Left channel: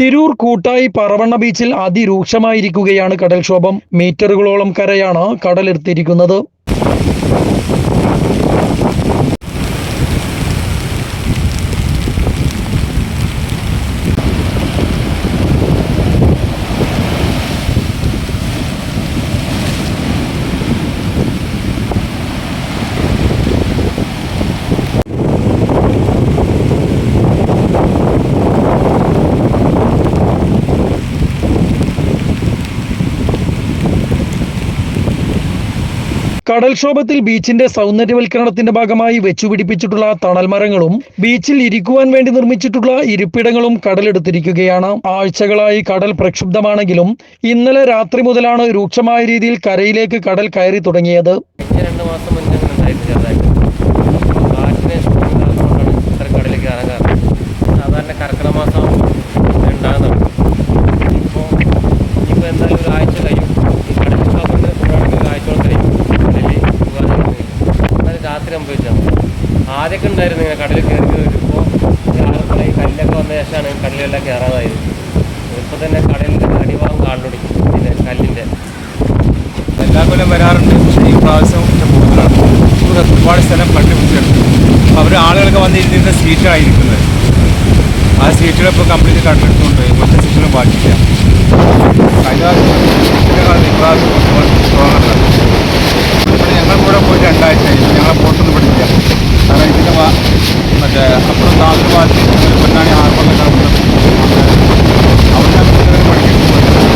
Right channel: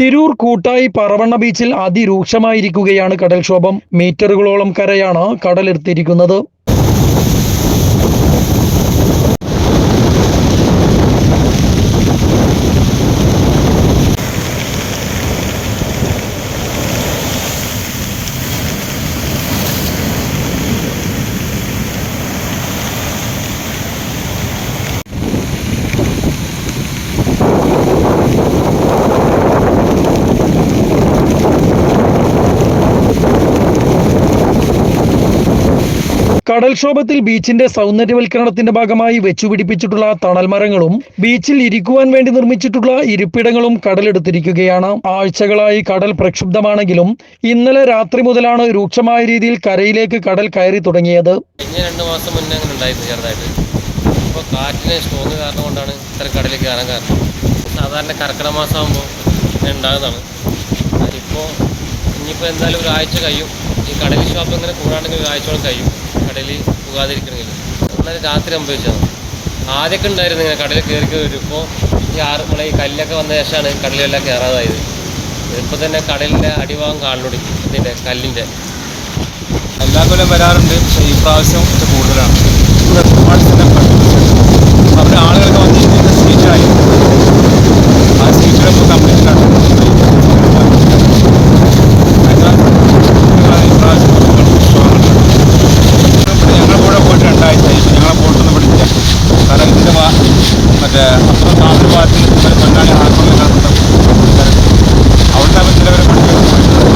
തിരൂർ കൂട്ടായി പറവണ്ണ ബീച്ചിൽ അതിരൂക്ഷമായിരിക്കുകയാണ് കടൽക്ഷോഭം. മീറ്ററുകളോളം കരയാണ് കടലെടുത്തിരിക്കുന്നത്. കടൽക്ഷോഭത്തിൽ ബീച്ചിന്റെ സൗന്ദര്യവൽക്കരണത്തിന്റെ ഭാഗമായി വെച്ചുപിടിപ്പിച്ചിട്ടുള്ള തണൽമരങ്ങളും ബീച്ചിൽ ഇരിക്കുവാൻ വേണ്ടി നിർമ്മിച്ചിട്ടുള്ള ഇരിപ്പിടങ്ങളും കടലെടുത്തിരിക്കുകയാണ്. ആഴ്ചകളായി കടൽ പ്രക്ഷുബ്ധമാണെങ്കിലും ഇന്നലെ രാത്രി മുതലാണ് രൂക്ഷമായ രീതിയിൽ കരയിലേക്ക് കടൽ കയറി തുടങ്ങിയത്. രണ്ട് മാസം മുന്നേ അങ്ങനെ ഉണ്ടായിരുന്നു സാധാരണ കർക്കിടക മാസമാകുമ്പോൾ ഉണ്ടാകുന്നതാണ് ഇപ്പോൾ ഇനിയിപ്പോൾ എന്തായാലും ഒരാഴ്ച കഴിയും. ഈ കടൽ ഷോപ്പ് ഇങ്ങനെ കൂടാണെങ്കിൽ ഒരാഴ്ചയോളം കഴിയും. കടലിൽ പോകാതിരിക്കണമെങ്കിൽ. എന്നാലും രാത്രി സംഭവിച്ചാൽ ആദ്യമൊക്കെ ഉണ്ടായിരുന്നു ഇങ്ങനെ കടലിൽ കയറി ഇപ്പോൾ ഈ ആറ് ഈ കല്ലൊക്കെ വന്ന ശേഷമാണ് കടലിലെല്ലാം കയറാതായത്. ഇപ്പോൾ തന്നെ കടലിന്റെ അടിഭാഗം കാണലൊടി ഇതിന്റെ കല്ലിന്റെ എല്ലാ കൊല്ലം വരാറുണ്ട്. പക്ഷേ ഈ പ്രാവശ്യം ഒക്കെ കൂടുതലാണ്. ഒരുപാട് സ്ഥലം കണ്ടുപിടിച്ചിട്ടുണ്ട്. അപ്പോൾ അവർ ആളുകളൊക്കെ വന്നിരിക്കുന്ന സീറ്റായി ആ സീറ്റുകളിപ്പോൾ കമ്പനി കണ്ടെടുത്തുണ്ട് കാരണം ഇതിന്റെ മറ്റേ അപ്പുറം താമര ഭാഗത്ത് ഞങ്ങൾ പൊന്നാണി ഹാർബറിലേക്കാണ് ഇവിടുത്തെ അവിടുത്തെ അവർ ചിലവരെ പണിക്കൊക്കെ പോയിട്ടുണ്ട്.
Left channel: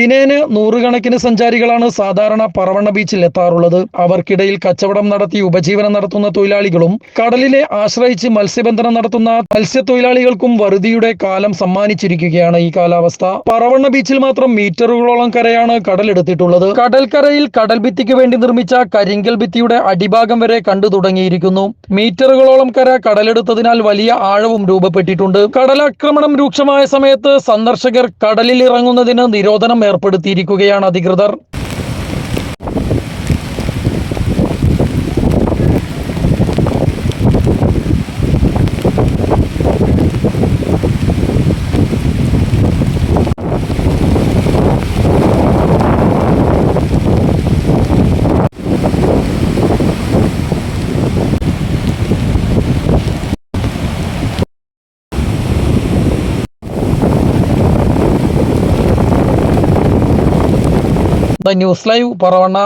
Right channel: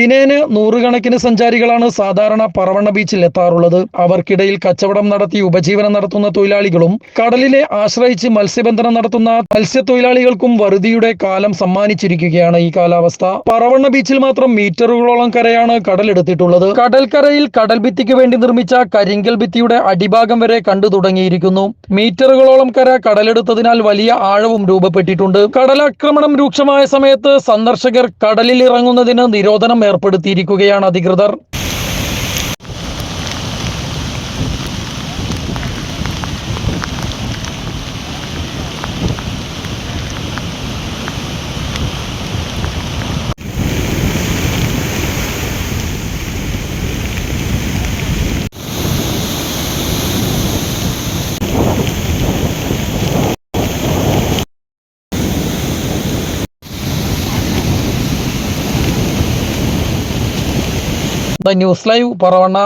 ദിനേന നൂറുകണക്കിന് സഞ്ചാരികളാണ് സാധാരണ പറവണ്ണ ബീച്ചിൽ എത്താറുള്ളത്. അവർക്കിടയിൽ കച്ചവടം നടത്തി ഉപജീവനം നടത്തുന്ന തൊഴിലാളികളും കടലിനെ ആശ്രയിച്ച് മത്സ്യബന്ധനം നടത്തുന്ന മത്സ്യത്തൊഴിലാളികൾക്കും വറുതിയുടെ കാലം സമ്മാനിച്ചിരിക്കുകയാണ് ഈ കാലാവസ്ഥ. പറവണ്ണ ബീച്ചിൽ മാത്രം മീറ്ററുകളോളം കരയാണ് കടലെടുത്തിട്ടുള്ളത്. കടൽക്കരയിൽ കടൽ ഭിത്തിക്ക് വേണ്ടി നിർമ്മിച്ച കരിങ്കൽ ഭിത്തിയുടെ അടിഭാഗം വരെ കണ്ടു തുടങ്ങിയിരിക്കുന്നു. മീറ്ററുകളോളം കര കടലെടുത്തതിനാൽ വലിയ ആഴവും രൂപപ്പെട്ടിട്ടുണ്ട്. കടലാക്രമണം രൂക്ഷമായ സമയത്ത് സന്ദർശകർ കടലിൽ ഇറങ്ങുന്നതിന് നിരോധനം ഏർപ്പെടുത്തിയിരിക്കുകയാണ് അധികൃതർ. News live Paravanna